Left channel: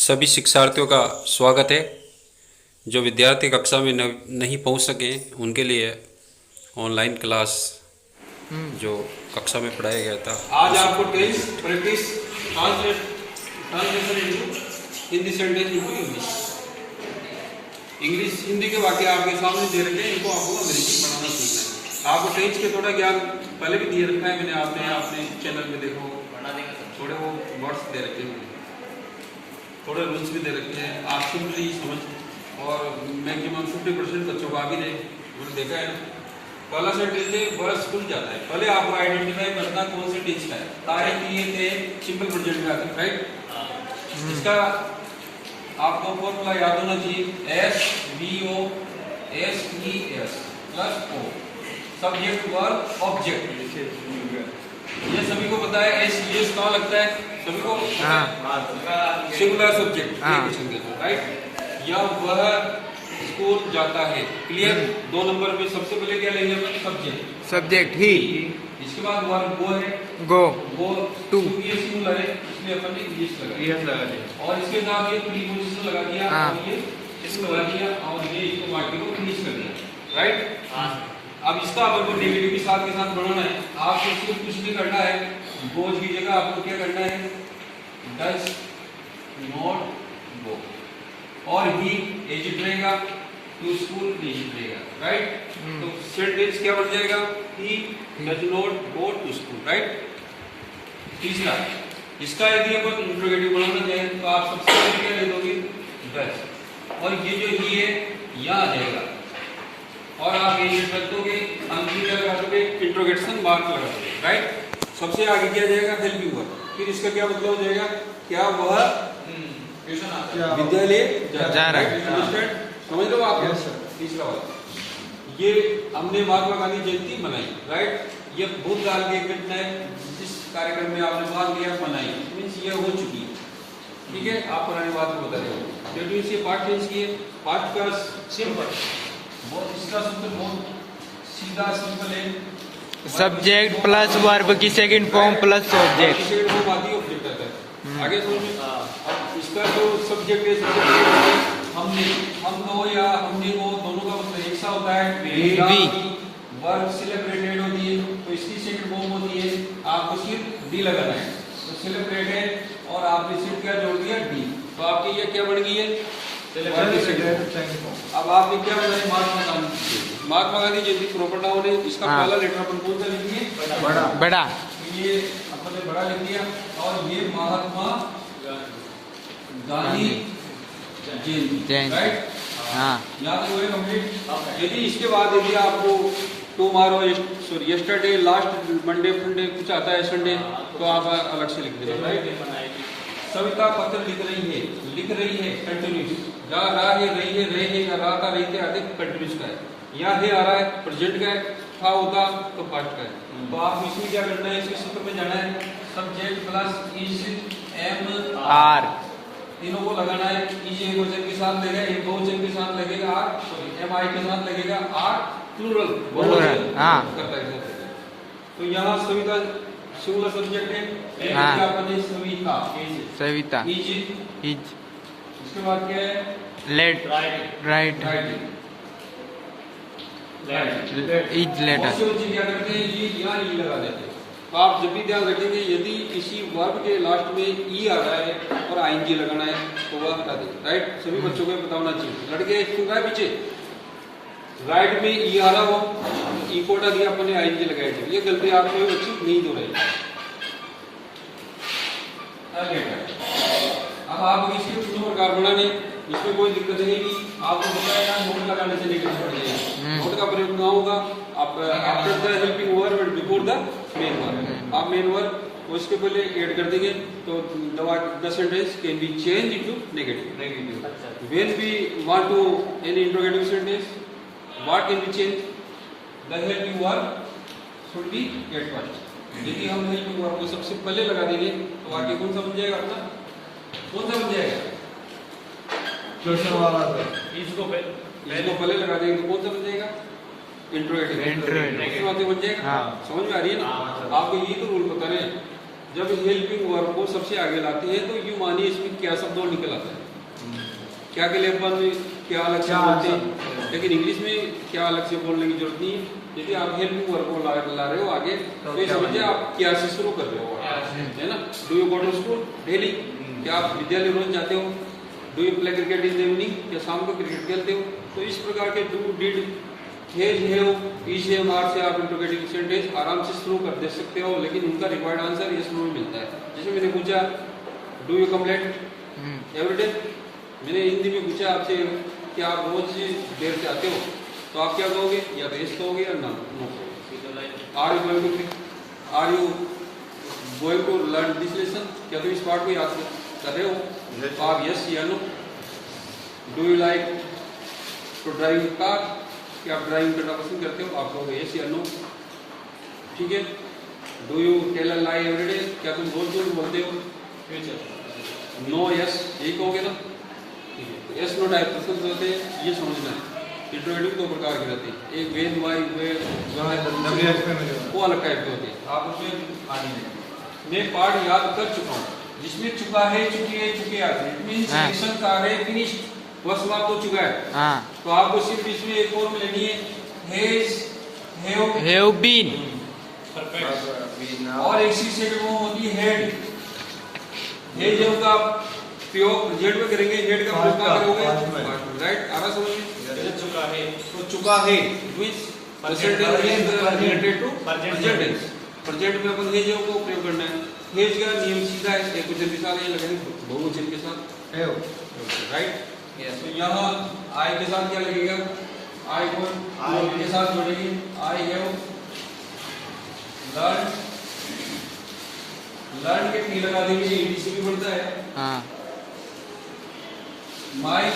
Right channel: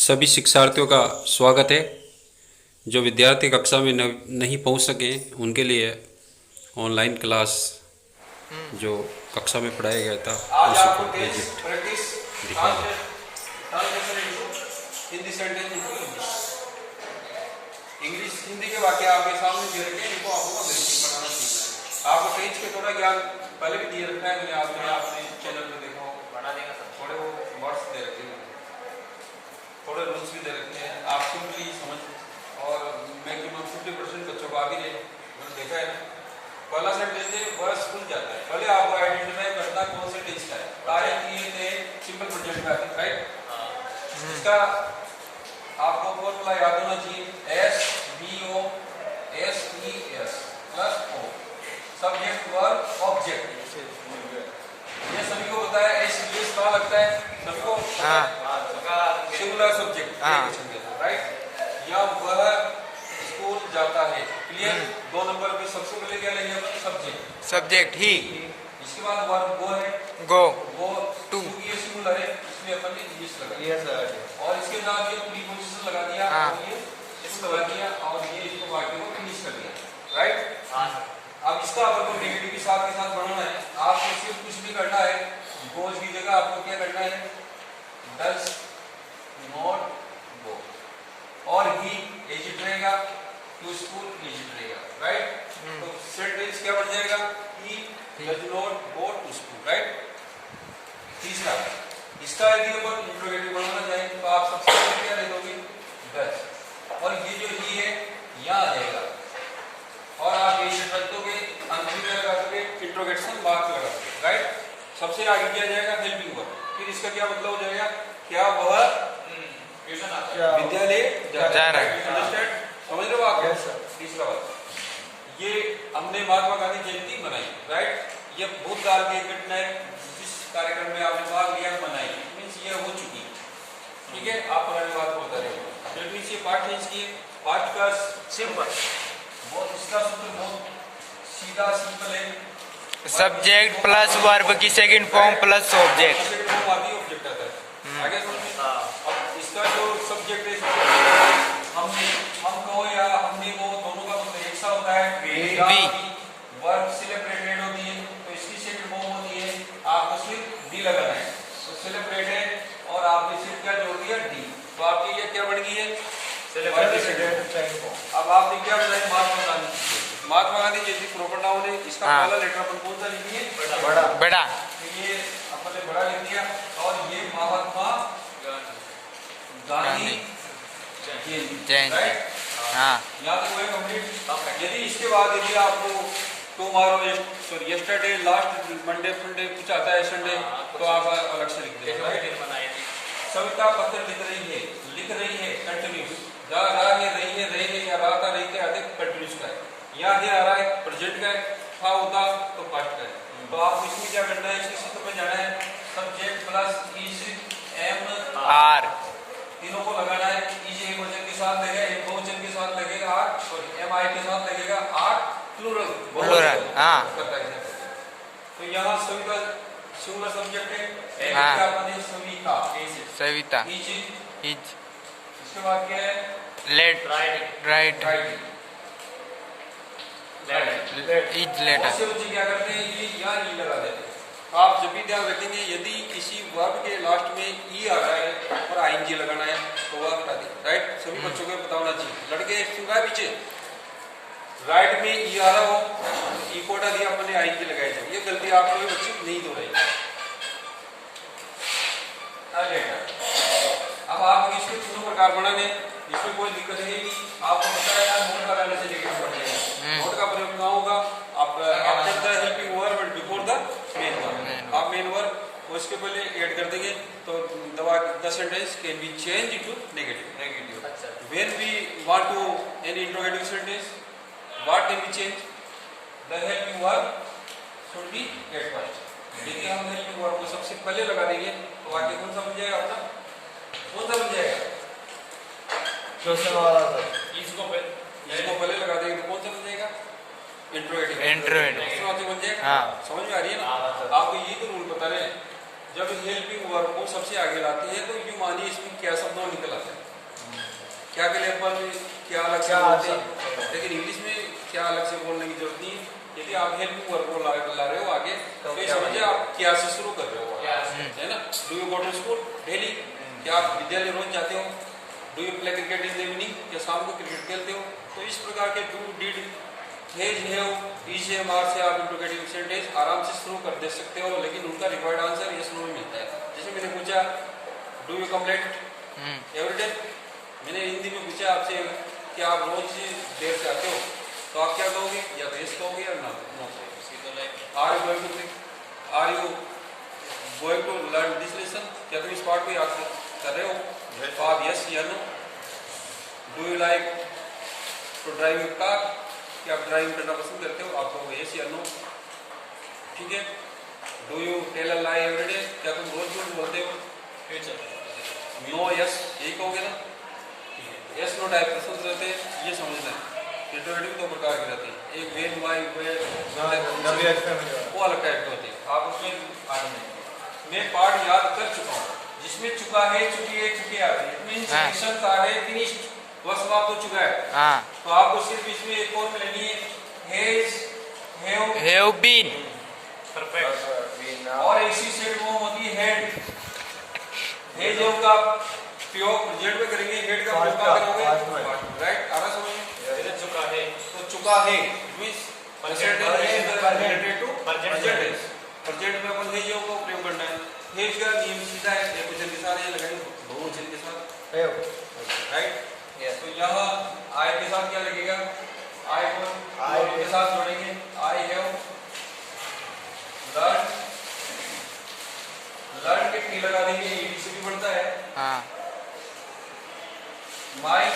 सभी शिक्षार्थियों का स्वागत है। जो विद्यार्थी कक्षा में नहीं पहुंच सके उनके लिए ऑनलाइन क्लास जो कक्षा में पढ़ाया गया था आज आपको tense practice translation into Hindi sentence into English Hindi के वाक्य आपके सामने दे रखे हैं, इनको आपको अंग्रेजी पढ़ाना सीखना है। आपको टेंस के थोड़ा ज्ञान पहले भी दिए रखा है, मैंने आपने चैनल में देखो थोड़े वो वर्ड्स दे रखे हैं, थोड़े रूल्स भी दे रखे हैं। आप सिंपली समझ और मैक्सिमम 50% बच्चों को आ भी नहीं, उन्होंने देखा है। पहला सेंटेंस है वर्ड्स खुल जाता है। पहले आपको आइडेंटिफाई करना कौन सा टेंस का है। तारीख ये थे सिंपल प्रेजेंट में आती, राइट। इसका आपको फॉर्मूला याद होना चाहिए, SVOSES plus O, subject verb object. ये सभी को पता है। SES कहाँ लगता है सभी को? Singular subject, right. या वह स्कूल जाता है, क्लियर। 2 नंबर में सबसे पहले क्या लेंगे अपन? सब्जेक्ट ही। इसके बाद वर्ब गो है, गो टू, ये सिंगुलर है, इसमें अपन ने इंग्लिश लगा दिया और इसके साथ ये प्रीपोजिशन लगा दिया और ये इसको लगा दिया और ये इसको वाक्य को फिनिश कर दिया, राइट। अब इसका अपन को नेगेटिव के साथ बढ़ाना है। आपको सिर्फ कुछ भी करना है, गोज की जगह आपको क्या करना है? डज नॉट गो, और ही एजिट रहेगा, टू स्कूल एजिट रहेगा, राइट। तो सेंटेंस क्या बन जाएगा? He does not go to school, right. तीसरा, इसका यदि अपन इंट्रोगेटिव बनाना चाहें तो आप सबसे पहले क्या ले दोगे? डज, और ये जो ही है यहाँ आ जाएगा और आप एजिट रख दोगे, अंतिम लगा दोगे, इंट्रोगेशन मार्क लगा दोगे, राइट। सबसे आगे क्या जाएगा? Helping verb. फिर इसका क्या मतलब हो जाएगा? क्या वह विद्यालय जा रहा है? समझ लो आप। तीसरा वाला, ये हमने महात्मा गांधी जयंती मनाई, राइट। ये भूतकाल की घटना है, जिस कार्यक्रम में आपने भाग लिया मनाई, मीन्स ये हो चुकी, ठीक है। आप पुरानी बात को बता रहे हो। ये पार्ट चेंज किए, पार्ट का सिंपल बहुत, इसका सूत्र बहुत सीधा सिंपल है। सब्जेक्ट प्लस वर्ब की सेकंड फॉर्म प्लस ऑब्जेक्ट आता है। आगे समझिए। अब इसका जो सब्जेक्ट है, हम को या हमने को, दोनों का मतलब एक सा होता है। वर्ब सेलिब्रेटेड होती है तो इसकी सेकंड फॉर्म होती है, आपको सिर्फ डी लगाना है। तो सेलिब्रेटेड और आपने सिर्फ क्या जोड़ दिया? डी। तो आपकी ये क्या बन गई है? अब आपने क्या बताया? महात्मा गांधी जयंती प्रॉपर नाउन है। इसका पहला लेटर अपन कौन सा लिखेंगे? बड़ा। तो ये अपन ने बड़ा लिख दिया और ये महात्मा गांधी जयंती, राइट। हाँ, याद हुए कंप्लीट। यदि इसके बाद यदि आपको tomorrow, sorry yesterday, last Monday, फंडे कुछ आता है, संडे, तो आप अलग से लिख देंगे, राइट। सविता पत्र लिख रही है कंटिन्यूस, जा रहा है, रही है या रहा था, रहते आते कंटिन्यूस का है। यहाँ है आ रहा है, प्रेजेंट का है, था होता तो पास्ट का है। तो आप इसमें क्या करना है? इसके सूत्र पे जाना है, subject plus is am are, तीनों को लगाना है। इज एक वचन के साथ लगेगा, एक बहुवचन के साथ लगेगा आर, सॉरी एम आई के साथ लगेगा आर, प्लूरल बहुवचन करता है। तो यहाँ सविता सिंगुलर सब्जेक्ट है, सविता, इज, इसके बाद क्या है? Late, right, is later. क्या करते हैं? ये या ई लगा देते हैं। तो आप जब भी ध्यान रखेंगे, यदि किसी वर्ब के लास्ट में ई आ रहा है और आईएनजी लगाना है तो वह हटा दे, राइट। सभी बच्चों को पता होना चाहिए। लड़के सुन रहा है पीछे, राइट में ई आ रहा हो तो ई को हटा दिया, अपने आईएनजी लगाए थे। ये गलती आप लोग बच्चे नहीं दो रहे। अब आप इसके तीनों प्रकार बनाने, इसमें कोई दिक्कत नहीं कि आपको बताया नोट लगाने से नेगेटिव पड़ जाएगा। नोट का प्रयोग कहाँ होगा? आप after the helping verb and before the main verb. आप मेन वर्ब उसके पहले ऐड कर देंगे तो the sentence can be change into negative. When we want to in interrogative sentence, what can be change? The helping verb should be get first. यदि हम helping verb को सबसे पहले लगा देंगे तो वाक्य कौन सा बन जाएगा? अपना कौन सा बन जाएगा? इसको पहले लगा देंगे तो कौन सा बन जाएगा? इंट्रोगेटिव वाक्य बन जाएगा। समझ में आ रही है ना? आपको ये तो रूल पता नहीं। जब हेल्पिंग वर्ब को सबसे आगे लाते हैं तो यूं मानिए इसमें क्या शब्द और निकल आता है। क्या के लिए अपन क्या अलग से बोलते हैं, लेकिन इंग्लिश में क्या अलग से बोलने की जरूरत नहीं है। यदि आप हेल्पिंग वर्ब को ला रहे हो आगे तो ये समझिए आप क्या से शुरू कर रहे हो, है ना। Do you go to school daily, क्या आप विद्यालय रोज जाते हो। Do you play cricket in the evening, क्या शाम को क्रिकेट खेलते हो। तो इस प्रकार के do, did, has, have, is, have, are से आप इंट्रोगेटिव सेंटेंस आराम से शुरू कर दे सकते हो, लेकिन उनका रिक्वायर्ड आंसर ये शुरू में मिलता है। जैसे मैंने पूछा do you complaint every day, मैंने हिंदी में पूछा आपसे कि आप रोज देर से आते हो, तो आप क्या कहोगे, या बेस कहोगे या नो कहोगे। Are you going to learn this lesson, क्या तुम इस पार्ट को याद कर रहे हो, तो आप यस या no. Do you like to drive car, क्या आप ड्राइविंग करना पसंद करते हो, आप कहोगे यस या नो, ठीक है। Do you tell a lie every day, क्या तुम रोज झूठ बोलते हो, नो यस यही कहोगे ना, ठीक है। यस नो टाइप प्रश्न होते हैं, ये समझना है। इंट्रोगेटिव दो प्रकार के रहते हैं, एक वेज वाई वो अलग टाइप के होते हैं। आप उसमें मैं पार्ट याद कर चुका हूँ, जिसमें चुका है, चुकी है, चुके आते हैं, एक्शन आ रहे फिनिश्ड वह समाप्त हो चुका है। तो आपको सिर्फ इसमें एक फॉर्म लेनी है, हैज, हैव बीन, और एक चीज सेकंड फॉर्म होती है हेड। हेड जो का प्रयोग जेड में करेंगे, हेड का प्रयोग कहाँ करोगे, राइट। आ रहा समझ में, चुका है तो चुका है प्रेजेंट में अपन हेज का उपयोग करना है। हेज का नियम सीधा है, एक वचन के साथ ये लगाएंगे, बहुवचन के साथ, राइट। तो यहाँ आई के साथ क्या लगेगा, आई को के साथ जोड़ेंगे, आई हैव लर्न के टी लगा देंगे, ईडी से भी बढ़ता है। माई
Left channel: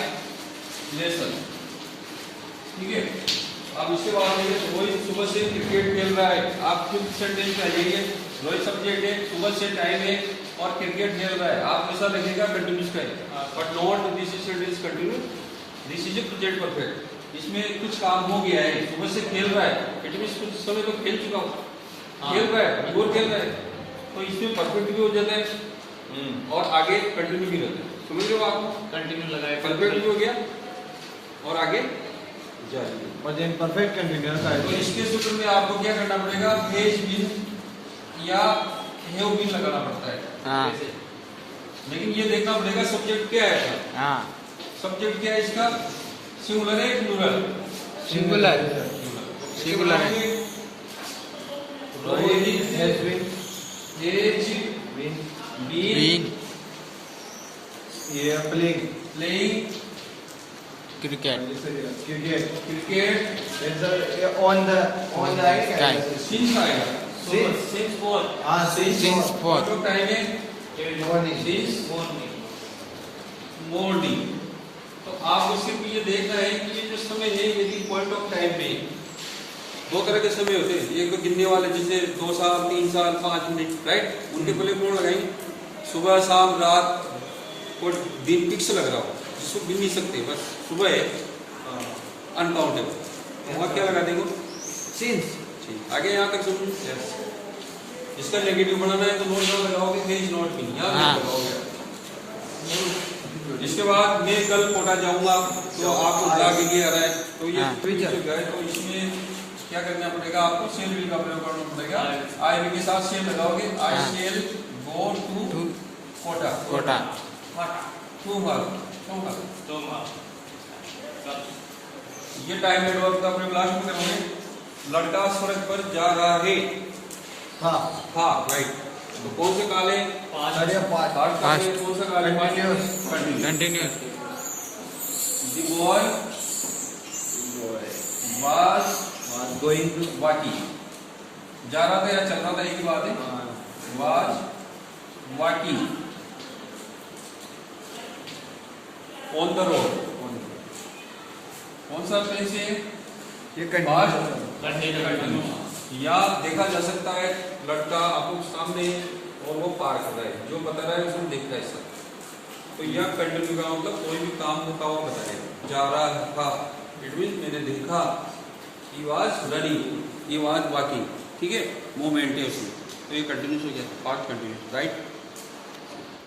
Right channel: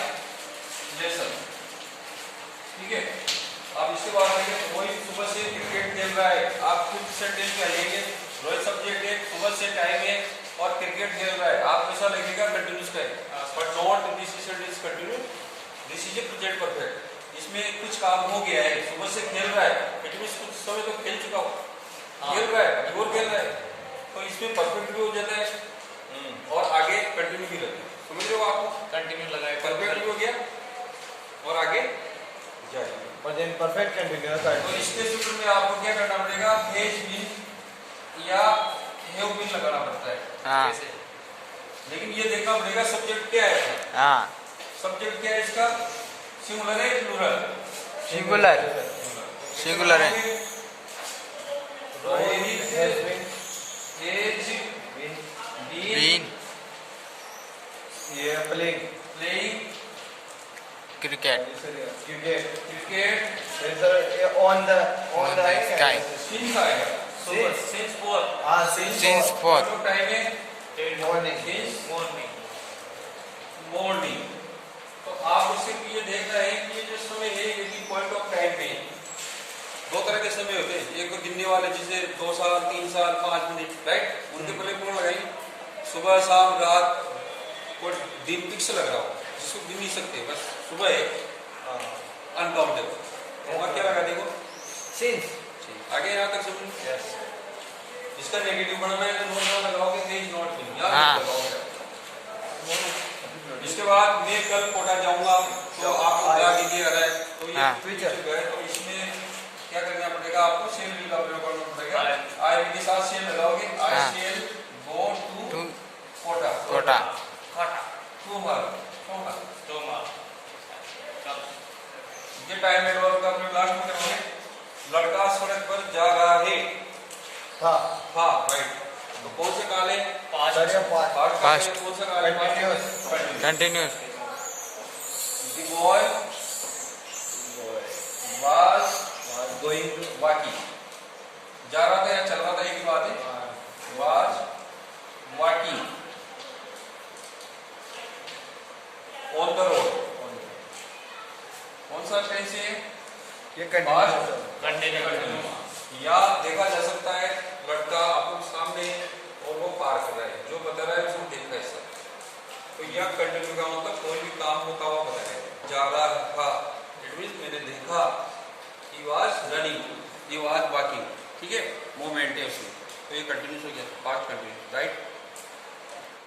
लेसन, ठीक है। अब इसके बाद रोहित सुबह से क्रिकेट खेल रहा है, आप फिफ्थ सेंटेंस क्या लेंगे, रोहित सब्जेक्ट है, सुबह से टाइम है और क्रिकेट खेल रहा है, आप ऐसा लगेगा कंटिन्यूस का है, but not this is sentence continue, this is a present perfect. इसमें कुछ काम हो गया है, सुबह से खेल रहा है, कंटिन्यूस कुछ समय तो खेल चुका हूँ, खेल रहा है और खेल रहा है, तो इसमें परफेक्ट भी हो जाता है और आगे कंटिन्यू भी रहता है। समझ लो, आपको कंटिन्यू लगाया, परफेक्ट भी हो गया और आगे जाएंगे, परफेक्ट कंटिन्यूअस। तो इसके सूत्र में आपको क्या करना पड़ेगा, हेज बीन या हैव बीन लगाना पड़ता है। लेकिन ये देखना पड़ेगा सब्जेक्ट क्या है, सब्जेक्ट क्या है इसका, सिंगुलर है प्लूरल, सिंगुलर है। Rohit has been playing cricket on the right sky since आएगा, since for टाइम है since morning। तो आपको सिर्फ ये देखना है कि ये जो समय है ये भी पॉइंट ऑफ टाइम पे है। दो तरह के समय होते हैं, एक तो गिनने वाले जिसे 2 साल 3 साल 5 मिनट, राइट, उनके पहले कोड लगाएंगे, सुबह शाम रात, कोई दिन फिक्स लग रहा हो जिसको गिन नहीं सकते, बस सुबह है अनकाउंटेबल, वहाँ क्या लगा देंगे, सिंस। आगे यहाँ तक सुन, इसका नेगेटिव बनाना है तो नोट यहाँ लगाओगे, हेज नॉट बीन यहाँ लगाओगे। इसके बाद मैं कल कोटा जाऊंगा तो आपको बुला देंगे, तो ये तो इसमें क्या करना पड़ेगा, आपको शेल भी का प्रयोग करना पड़ेगा। आई भी के साथ शेल लगाओगे, I shall go to Kota, ये टाइम एडवर्ब का प्रयोग लास्ट में करेंगे। लड़का सड़क पर जा रहा है, था, राइट। तो कौन सा काल है, पास्ट, कौन सा काल है, continuous. The boy was walking, जा रहा था या चल रहा था, एक ही बात है, was walking on the road, कौन सा टेंस है, ये या देखा जा सकता है लड़का आपको सामने और वो पार कर रहा है, जो बता रहा है उसको देखता है सब, तो यह कंटिन्यू का मतलब कोई भी काम होता हुआ बता रहे, जा रहा था, इट मींस मैंने देखा, he was running, he was walking, ठीक है, मूवमेंट है उसमें। तो ये कंटिन्यूस हो गया, पास्ट कंटिन्यूस, राइट।